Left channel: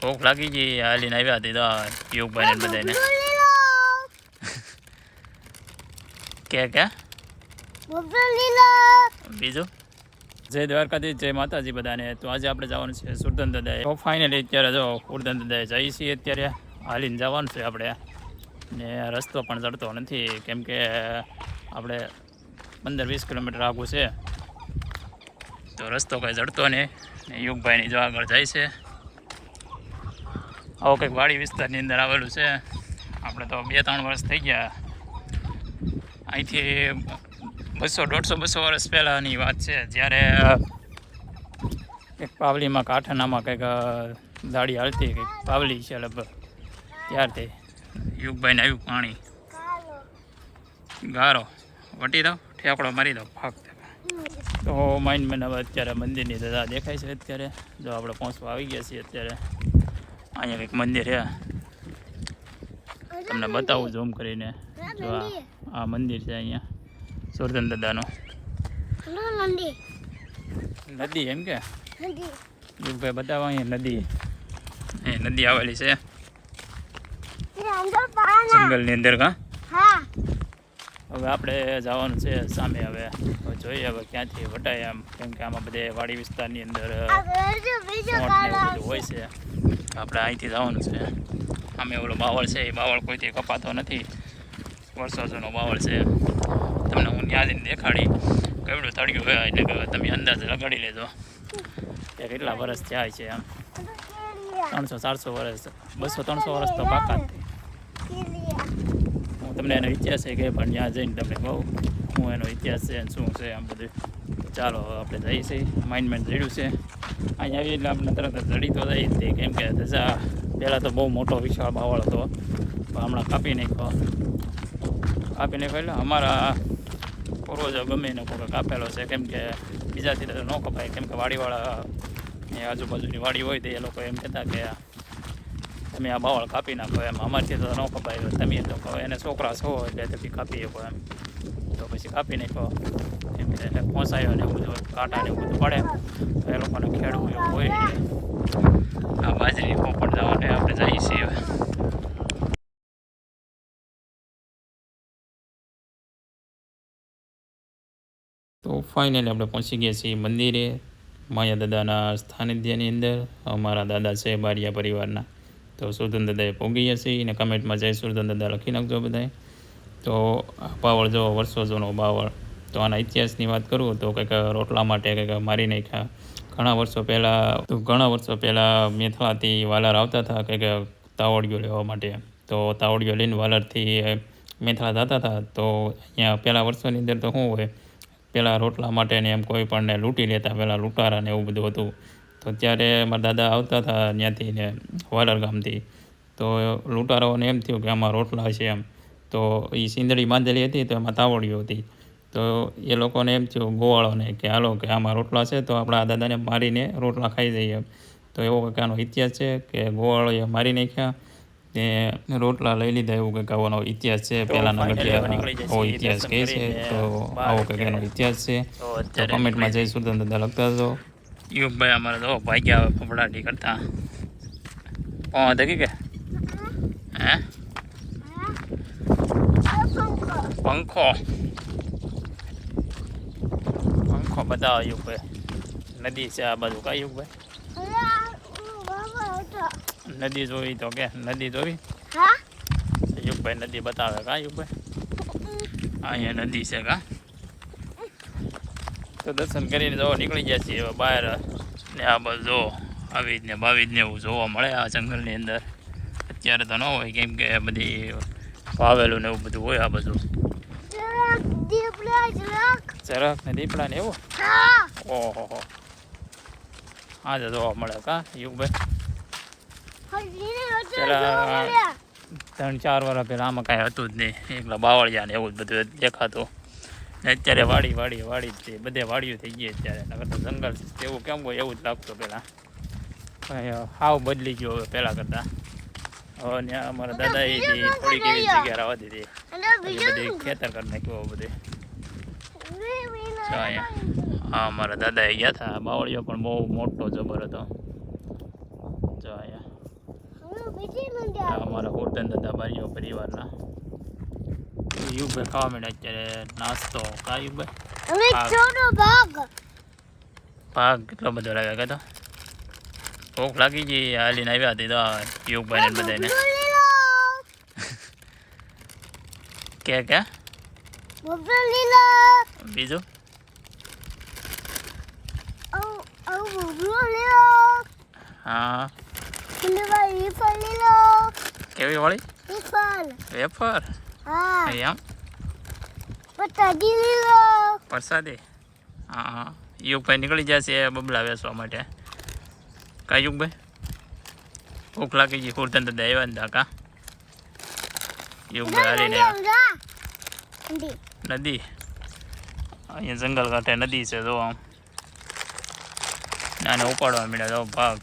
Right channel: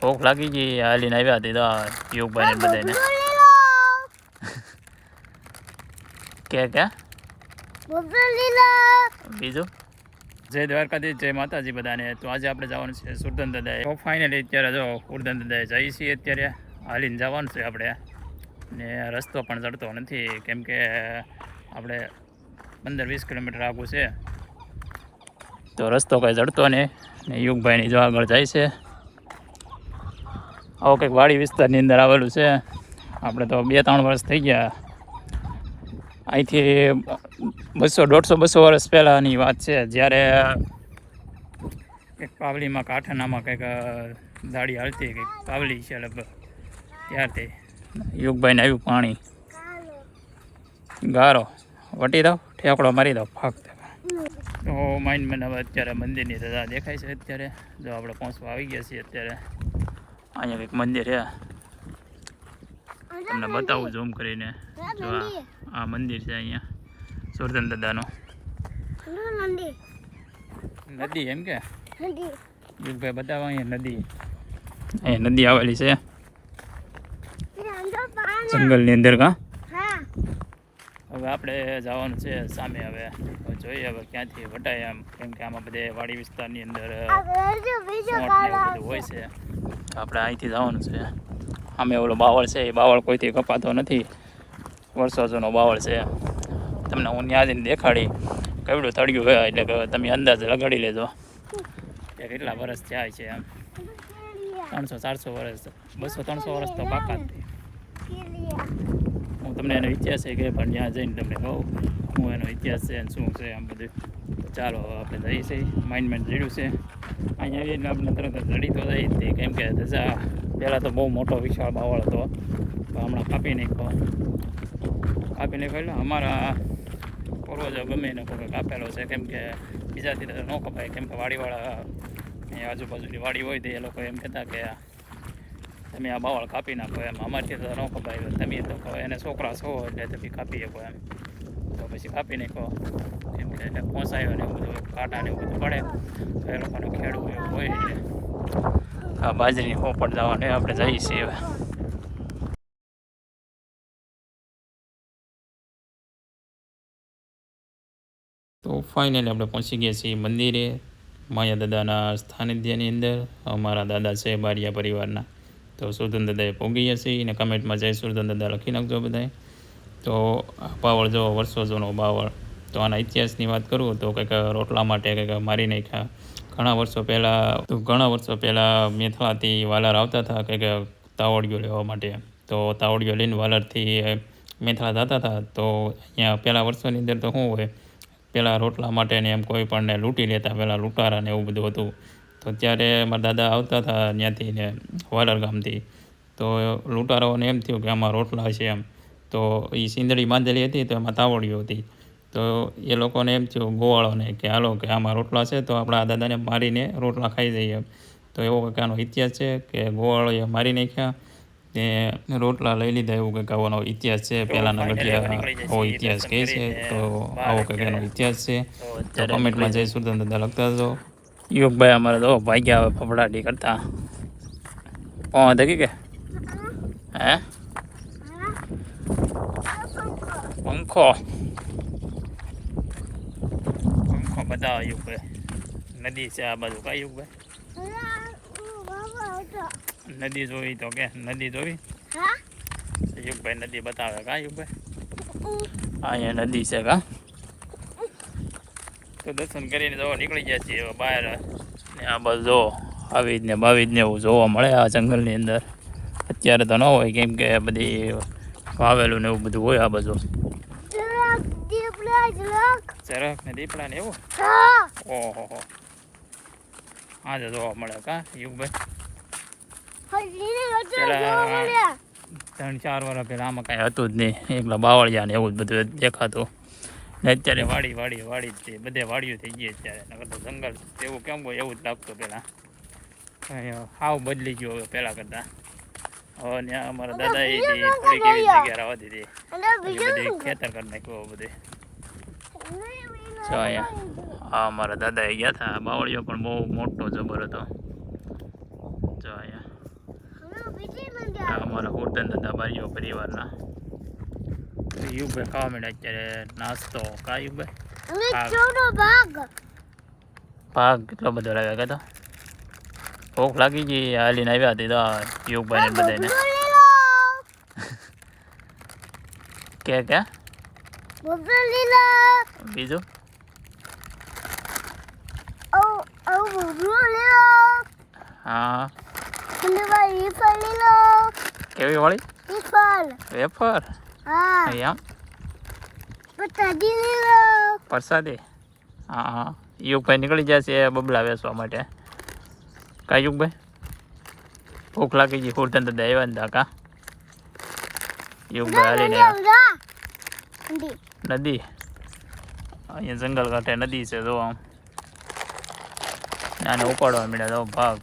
ભૂખ લાગી ગઈ હાલીને આવ્યા હતી તો યુગભાઈ ને બધાને કે બીજું જય દ્વારકાથી જય માતાજી બધાને. તો આજે આપણે જવાનું છે સુરધન દાદાએ. તો ફાઇનલી અત્યારે જો સુરધન દાદાએ જઈએ છીએ. અત્યારે હાલીને જવાનું છે આપણે ને રસ્તો પણ ચડતો નથી કેમ કે આપણે 15-20 કિલોમીટર આગું છે તો રસ્તો કંઈ ચડતો નહીં. ને યુગભાઈની જો આગળ જાય છે. આવો કંઈક વાડી વિસ્તારની અંદર આવેલું છે. આપણે તો 2-3 વર્ષ થઈ ગયા. અહીંથી 100-150-200 વર્ષ પહેલાંની વાત છે જ્યારે એક પાવલીમાં કાંઠાનામાં કંઈક દાડી હાલતી કંઈક પાવલી છે લગભગ ત્યારથી યુગભાઈને આવ્યું પાણી ગારો વટી દો ઠેકડો મારી દો ફક્ત. તો માઇન્ડ મને હવે અત્યારે મંદિરની રજા દેખાય છે. અત્યારે જો આપણે પહોંચવા આવી ગયા છીએ. અત્યારે અહીંયા કંઈક મંદિર છે તમને બતાવું ઝૂમ કરીને. જો આ મંદિર છે અહીંયા સુરધન દાદાનું. નદી એમ કે યુગભાઈ બતાવો અહીંયા નદી આવેલી છે જંગલની અંદર. કા હવે આપણે જવાનું છે સામે. હવે જોઈએ હવે ક્યાંથી વટાય એમ કેમ કે આમાં બધે વાડી વિસ્તારની અંદર હોય છે. આપણે અહીંથી જવાનું છે. આમે ઓલો બાવળ છે એ બાવળ કોઈથી કપાતો નથી. વર્ષો જૂનો બાવળ છે. તમને હું ત્યાં જઈને દેખાડી કેવડું તળિયું ગયા એટલે કે તમે અંદાજ લગાડી લેજો કે કેટલા વર્ષ થયા છે. એમ 300-400 વર્ષ 200-300 વર્ષ તો પાકા જ. હું તમને એનો ઇતિહાસ છે કે પણ ત્યાં જઈને તમને કહું હું એનો ઇતિહાસ છે શું છે આમ બધું. ચાલો આપણે જઈએ છીએ. માઇન્ડ જડ્યું છે અહીંયા આવીએ એટલે આપણે તરત જડી તો જઈએ છીએ કેમ કે પહેલાં તો બહુ મોટો વિશાળ બાવળ હતો પણ હમણાં કાપી નાખ્યો એટલે અમારા પૂર્વજો ગમે એને કોઈ કાપેલો છે કેમ કે બીજાથી તો ન કપાય કેમ કે વાડીવાળા એ આજુબાજુની વાડી હોય તો એ લોકો એમ કહેતા કે તમે આ બાવળ કાપી નાખો એમ. અમારથી તો ન કપાય તમે તો એને છોકરા છો એટલે તમે કાપી શકો એમ. તો પછી કાપી નાખો કેમ કે પહોંચાયો ને એવું બધું કાંટા ને એવું બધું પડે તો એ લોકોને ખેડવું એવું હોય એટલે આ બાજરી પોપટ જવાને આપણે જઈએ છીએ. તો ફાઇનલી આપણે પહોંચી ગયા છીએ મંદિરે માયા દાદાના સાનિધ્યની અંદર. અમારા દાદા છે બારિયા પરિવારના. તો સુરધન દાદાએ પહોંચી ગયા છીએ અને કમેન્ટમાં જય સુરધન દાદા લખી નાખજો બધાએ. તો બાવળ જો વર્ષો જૂનો બાવળ. તો આના ઇતિહાસની વાત કરું તો કંઈક રોટલા માટે કંઈક મારી નાખ્યા ઘણા વર્ષો પહેલાં મેથલાથી વાલર આવતા હતા કંઈક તાવડીઓ લેવા માટે. તો તાવડીઓ લઈને વાલરથી મેથલા જતા હતા. તો અહીંયા પહેલાં વર્ષોની અંદર તો શું હોય પહેલાં રોટલા માટે ને એમ કોઈ પણને લૂંટી લેતા પહેલાં લૂંટારા ને એવું બધું હતું. તો ત્યારે મારા દાદા આવતા હતા ત્યાંથી ને વાલર ગામથી. તો લૂંટારાઓને એમ થયું કે આમાં રોટલા છે એમ. તો એ સિંદડી બાંધેલી હતી તો એમાં તાવડીઓ હતી. તો એ લોકોને એમ થયું ગોવાળોને કે હાલો કે આમાં રોટલા છે તો આપણા દાદાને મારીને રોટલા ખાઈ જઈએ. તો એવો કંઈક આનો ઇતિહાસ છે કે ગોવાળોએ મારી નાખ્યા ને રોટલા લઈ લીધા એવું કંઈક આવવાનો ઇતિહાસ છે. પહેલાંના ગઢિયા આવો ઇતિહાસ કહે છે. તો આવો કંઈક એનો ઇતિહાસ છે. તો કમેન્ટમાં જય સુરધન દાદા લખતા હતો. યુગભાઈ અમારે તો ભાગ્યા ફફડાટી કરતા ધકી કે હે પંખો બતાવો યુગભાઈ. નદી છે આ બાજુ કા યુગભાઈ નદી જોઈ તો કે નદી જોઈ યુગભાઈ નદી બતાવે કા યુગભાઈ. અહીંયા નદી છે કા. તો દર્શન કરીને જો નીકળી ગયા છીએ હવે બહાર ને આ બાજુ જો આવી જ ને એવું જોવા મળે આ જંગલની અંદર. અત્યારે તો ન હોય કેમ કે બધી વાવેલું ને એવું બધું હોય આ બાજુ. ચરક ને દીપડા ને એવું ઓહો હા તો જોવા મળે કા યુગભાઈ. પેલા 3-4 વર્ષ પહેલાં આમાં કાંઈ હતું જ નહીં. એકલા બાવળિયા ને એવું જ બધું દેખાતું. ને અત્યારે વાડી જ છે બધે વાડીઓ થઈ ગઈ અત્યારે. નકર તો જંગલ એવું કેમ હોય એવું જ લાગતું પહેલાં. હાવ બદલી ગયો હવે પહેલાં કરતાં. હવે ત્યાં અમારા દાદાએ થોડીક એવી જગ્યા રહેવા દીધી બધી ખેતર કરી નાખ્યું બધે. હા અમારા દાદાએ ગયા હતા. બાવળીઓ પણ બહુ મોટો જબર હતો. જો અહીંયા આ અમારા હોટલ દાદા બારીઓ પરિવારના યુગભાઈ ખાવા માંડ્યા અત્યારે નાસ્તો કા યુગભાઈ ભાગ કેટલો બધો લાગ્યા કે તો ભૂખ લાગી ગઈ હાલીને આવ્યા હતી તો યુગભાઈ ને બધાને કે બીજું હા કેવી વાળી વેફર એમ પ્રસાદી હા યુગભાઈ નીકળી જશે બબલા વેચવા માટે કા યુગભાઈ ભૂખ લાગી ગઈ હુરતન દાદા આવ્યા ને કા યુગભાઈ હાલીને નદી અહીંયા જંગલ કાંઠે નદી છે જો આમ નાને ઉપાડવા મળ્યા તો ભાગ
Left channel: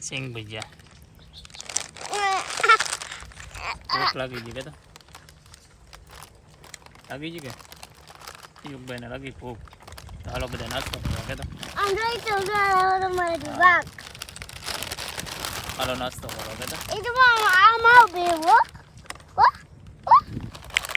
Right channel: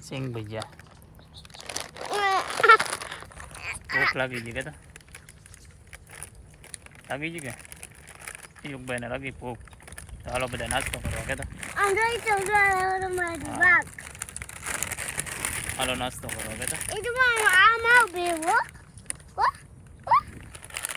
સિંગ ભજીયા ભૂખ લાગી ગઈ કે તો લાગી ગઈ કે યુગભાઈ ને લાગી ભૂખ તો હાલો બધા નાસ્તો કરવા કે તો હાલો નાસ્તો કરવા કે તો